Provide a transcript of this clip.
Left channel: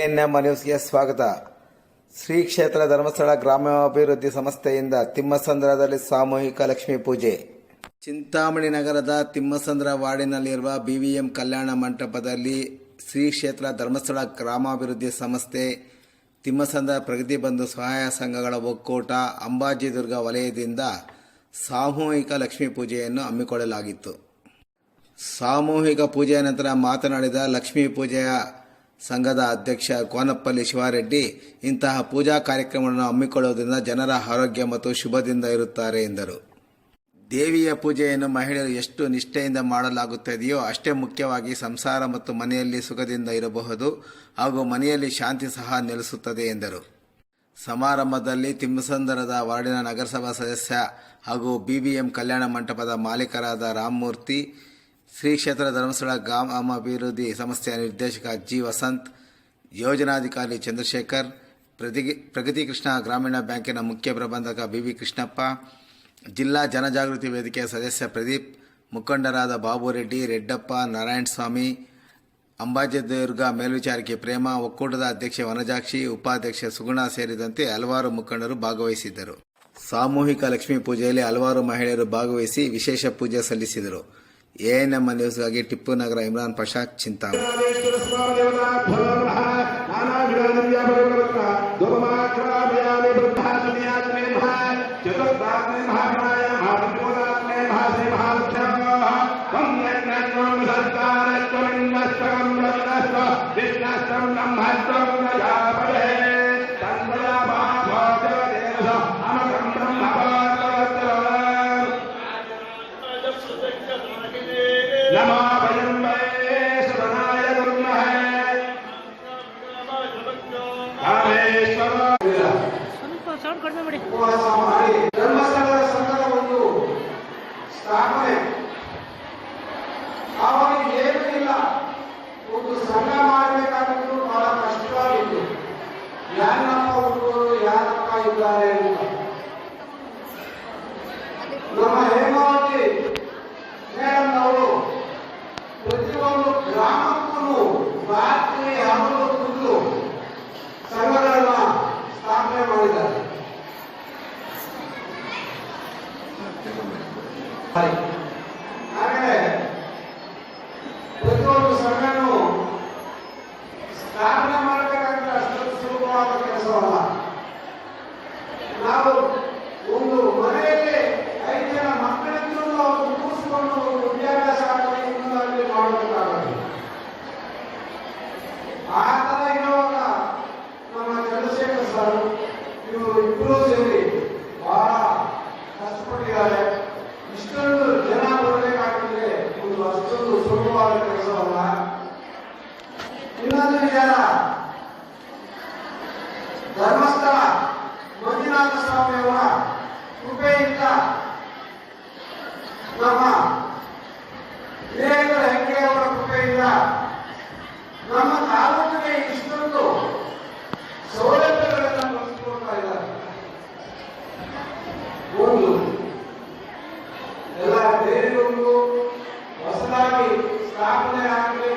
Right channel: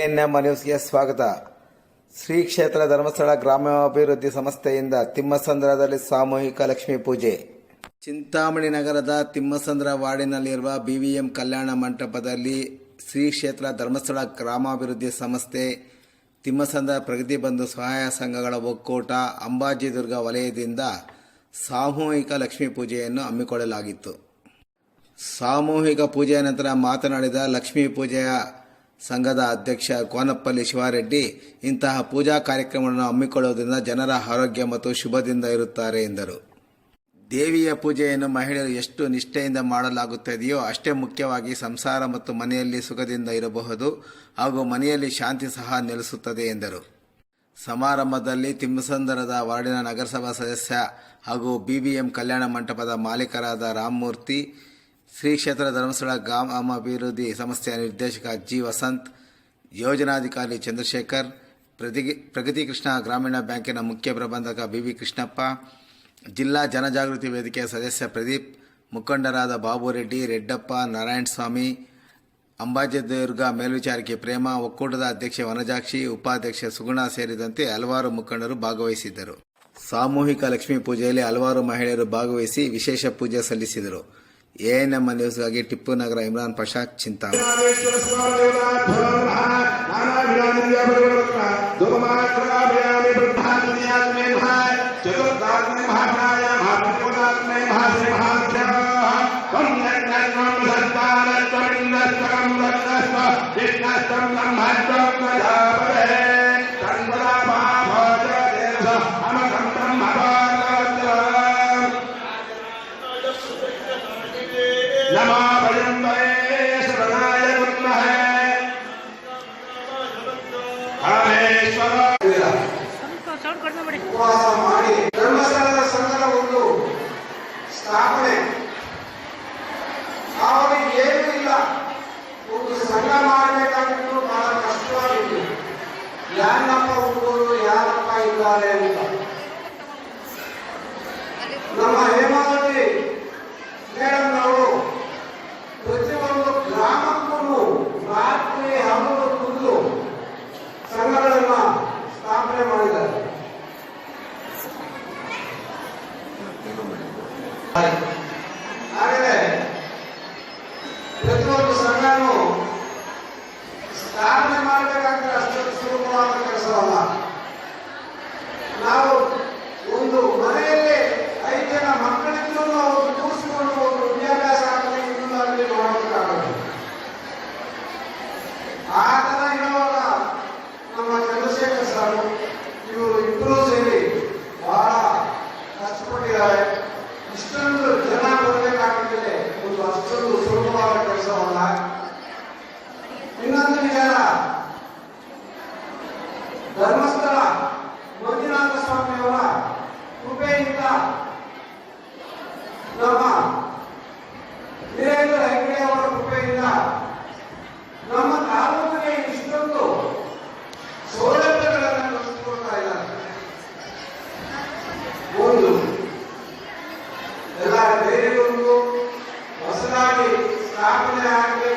ANM ನ್ಯೂಸ್ಗೆ ಸ್ವಾಗತ. ಶ್ರೀ ಕ್ಷೇತ್ರ ಧರ್ಮಸ್ಥಳ ಗ್ರಾಮಾಭಿವೃದ್ಧಿ ಸಂಸ್ಥೆಯಿಂದ ತಿಮ್ಮಸಂದ್ರದಲ್ಲಿ ಸಾಮೂಹಿಕ ಲಕ್ಷ್ಮೀ ಪೂಜೆ. ಚಿಂತಾಮಣಿ ನಗರದ ತಿಮ್ಮಸಂದ್ರ ವಾರ್ಡಿನಲ್ಲಿರುವ ಬಿವಿಎಂ ಕಲ್ಯಾಣ ಮಂಟಪದಲ್ಲಿ ಶ್ರೀ ಕ್ಷೇತ್ರ ಧರ್ಮಸ್ಥಳ ಗ್ರಾಮಾಭಿವೃದ್ಧಿ ಸಂಸ್ಥೆ, ತಿಮ್ಮಸಂದ್ರ ಪ್ರಗತಿ ಬಂಧು ಸಹಾಯ ಸಂಘಗಳ ಒಕ್ಕೂಟ, ಅಂಬಾಜಿದುರ್ಗ ವಲಯದಿಂದ ಸಾಮೂಹಿಕ ಲಕ್ಷ್ಮೀ ಪೂಜೆಯನ್ನು ಹಮ್ಮಿಕೊಳ್ಳಲಾಗಿತ್ತು. ಸಾಮೂಹಿಕ ಪೂಜೆಯ ನಂತರ ಮಾತನಾಡಿದ ಲಕ್ಷ್ಮೀ ಪೂಜೆಯ ಸಂಘದ ಅಧ್ಯಕ್ಷ ಕೋನಪ್ಪಲ್ಲಿ ಶಿವಾರೆಡ್ಡಿ, ಇಂತಹ ಪೂಜಾ ಕಾರ್ಯಕ್ರಮವನ್ನು ಹಮ್ಮಿಕೊಳ್ಳುವುದರಿಂದ ಜನರ ಆರೋಗ್ಯ ಮತ್ತು ಶುಭದಿಂದ ಇರುತ್ತಾರೆ ಎಂದರು. ದೇವಿಯ ಪೂಜೆಯನ್ನು ಮಹಿಳೆಯರು ಎಷ್ಟು ನಿಷ್ಠೆಯಿಂದ ಮಾಡಲಾಗುತ್ತದೆಯೋ ಅಷ್ಟೇ ಮುಖ್ಯವಾಗಿ ಸಂಸಾರ ಮತ್ತು ಮನೆಯಲ್ಲಿ ಸುಖದಿಂದ ಇರಬಹುದು ಹಾಗೂ ಮನೆಯಲ್ಲಿ ಶಾಂತಿ ಸಹ ನೆಲೆಸುತ್ತದೆ ಎಂದರು. ಸಮಾರಂಭದಲ್ಲಿ ತಿಮ್ಮಸಂದರದ ವಾರ್ಡಿನ ನಗರಸಭಾ ಸದಸ್ಯ ಹಾಗೂ ಬಿಬಿಎಂ ಕಲ್ಯಾಣ ಮಂಟಪದ ಮಾಲೀಕರಾದ ರಾಮಮೂರ್ತಿ, ಶ್ರೀ ಕ್ಷೇತ್ರ ಧರ್ಮಸ್ಥಳ ಗ್ರಾಮಾಭಿವೃದ್ಧಿ ಸಂಸ್ಥೆಯ ನಿರ್ದೇಶಕ ಜಿ ವಸಂತ್, ಯೋಜನಾಧಿಕಾರಿ ಚಂದ್ರಶೇಖರ್, ಪ್ರಗತಿ ಕೃಷ್ಣ ಗ್ರಾಮೀಣ ಬ್ಯಾಂಕಿನ ಮುಖ್ಯ ಪ್ರಬಂಧಕ ಬಿವಿ ಕೃಷ್ಣಪ್ಪ, ಜಿಲ್ಲಾ ಜನಜಾಗೃತಿ ವೇದಿಕೆಯ ಸದಸ್ಯ ಪ್ರದೀಪ್, ಮುಖಂಡರಾದ ಬಾಬುರೆಡ್ಡಿ, ರೆಡ್ಡಪ್ಪ, ನಾರಾಯಣಸ್ವಾಮಿ, ಅಂಬಾಜಿದುರ್ಗ ಮೇಲ್ವಿಚಾರಕಿ ಪ್ರೇಮ, ಒಕ್ಕೂಟದ ಅಧ್ಯಕ್ಷೆ ವನಜಾಕ್ಷಿ, ಉಪಾಧ್ಯಕ್ಷೆ ಸುಗುಣ ಸೇರಿದಂತೆ ಹಲವಾರು ಮುಖಂಡರು ಭಾಗವಹಿಸಿದ್ದರು. ಸಾಮೂಹಿಕ ಲಕ್ಷ್ಮೀ ಪೂಜೆಯಲ್ಲಿ ಹಲವಾರು ಮಹಿಳೆಯರು ಭಾಗವಹಿಸಿ ವಿಶೇಷ ಪೂಜೆ ಸಲ್ಲಿಸಿದರು. ಎಎನ್ಎಂ ನ್ಯೂಸ್ಗಾಗಿ ಟಿಪ್ಪು ನಗರ ಇಮ್ರಾನ್ ಪಾಷಾ, ಚಿಂತಾಮಣಿ. ಧರ್ಮಸ್ಥಳದ ಸಂಘದ ಒಂದು ಸ್ಥಾಪನೆ, ಆವಾಗ ಏನೂ ಇಲ್ಲ, ಒಂದು ಸಂಘ ಮಾಡಬೇಕಾಗಿತ್ತು, ಬಹಳ ಕಷ್ಟವಾಗಿತ್ತು. ಯಾರಪ್ಪ ಹುಡುಗರು, ಯಾರಪ್ಪ ಇದ್ದಾರೆ ಅಂತ ನಮ್ಮ ಹೇಮಾವತಿ ಮೇಡಮ್ ಅವರು ಪ್ರತಿಯೊಂದು ಗ್ರಾಮಕ್ಕೂ ರಾತ್ರಿ ಹಗಲು ಕುಂದು ಸಂಘಗಳನ್ನ ಸ್ಥಾಪನೆ ಮಾಡಿದ್ದಾರೆ. ಹಾಗಾದರೆ ಪ್ರತಿಯೊಂದು ಸಂಘನೂ ಸ್ಥಾಪನೆ ಮಾಡಬೇಕಾದ್ರೆ ಅಷ್ಟು ಸುಲಭವಾದ ಕೆಲಸವಲ್ಲ. ನಾವು ಒಂದು ಮನೆಯಲ್ಲಿ 5 ಜನ ಮಕ್ಕಳಿಂದಲೂ ಅವರು ಕೂರಿಸಿಕೊಂಡು ಒಂದು ವಿದ್ಯಾಭ್ಯಾಸ ಆಗಲಿ ಇನ್ನೊಂದರಲ್ಲಿ ಮಾಡಬೇಕಾಗುತ್ತೆ. ಆ ಥರ ಇರುವಾಗ ನಮ್ಮ ಚಂದ್ರಶೇಖರ್ ಸರ್ ಇವರು ಇಬ್ಬರೂ ಸೇರಿ ಬಹಳ ಕಷ್ಟಪಟ್ಟಿದ್ದಾರೆ. ಇಷ್ಟೊಂದು ಜನ ಬರಬೇಕಾಗಿದ್ರೆ ಒಂದು ಅಷ್ಟೊಂದು ಸುಲಭವಾದ ಕೆಲಸವಲ್ಲ. ಇನ್ನೊಂದು ವಿಚಾರ, ಧರ್ಮಸ್ಥಳ ಮಂಜುನಾಥ ಸ್ವಾಮಿಯವರ ಕೃಪೆಯಿಂದ ನಮ್ಮ ವೀರೇಂದ್ರ ಹೆಗ್ಗಡೆ ಅವರ ಕೃಪೆಯಿಂದ ನಮ್ಮ ತಾಲೂಕಿಗೆ ಇಷ್ಟೊಂದು ಸೌಲಭ್ಯಗಳನ್ನು ಕಲಿಸಿಕೊಡ್ತಾ ಇದ್ದಾರೆ. ಒಂದು ಎಲ್ಲ ಡೈರಿಗಳು ಹೊಸದಾಗಿ ಸ್ಥಾಪನೆ ಆಗಿದೆ.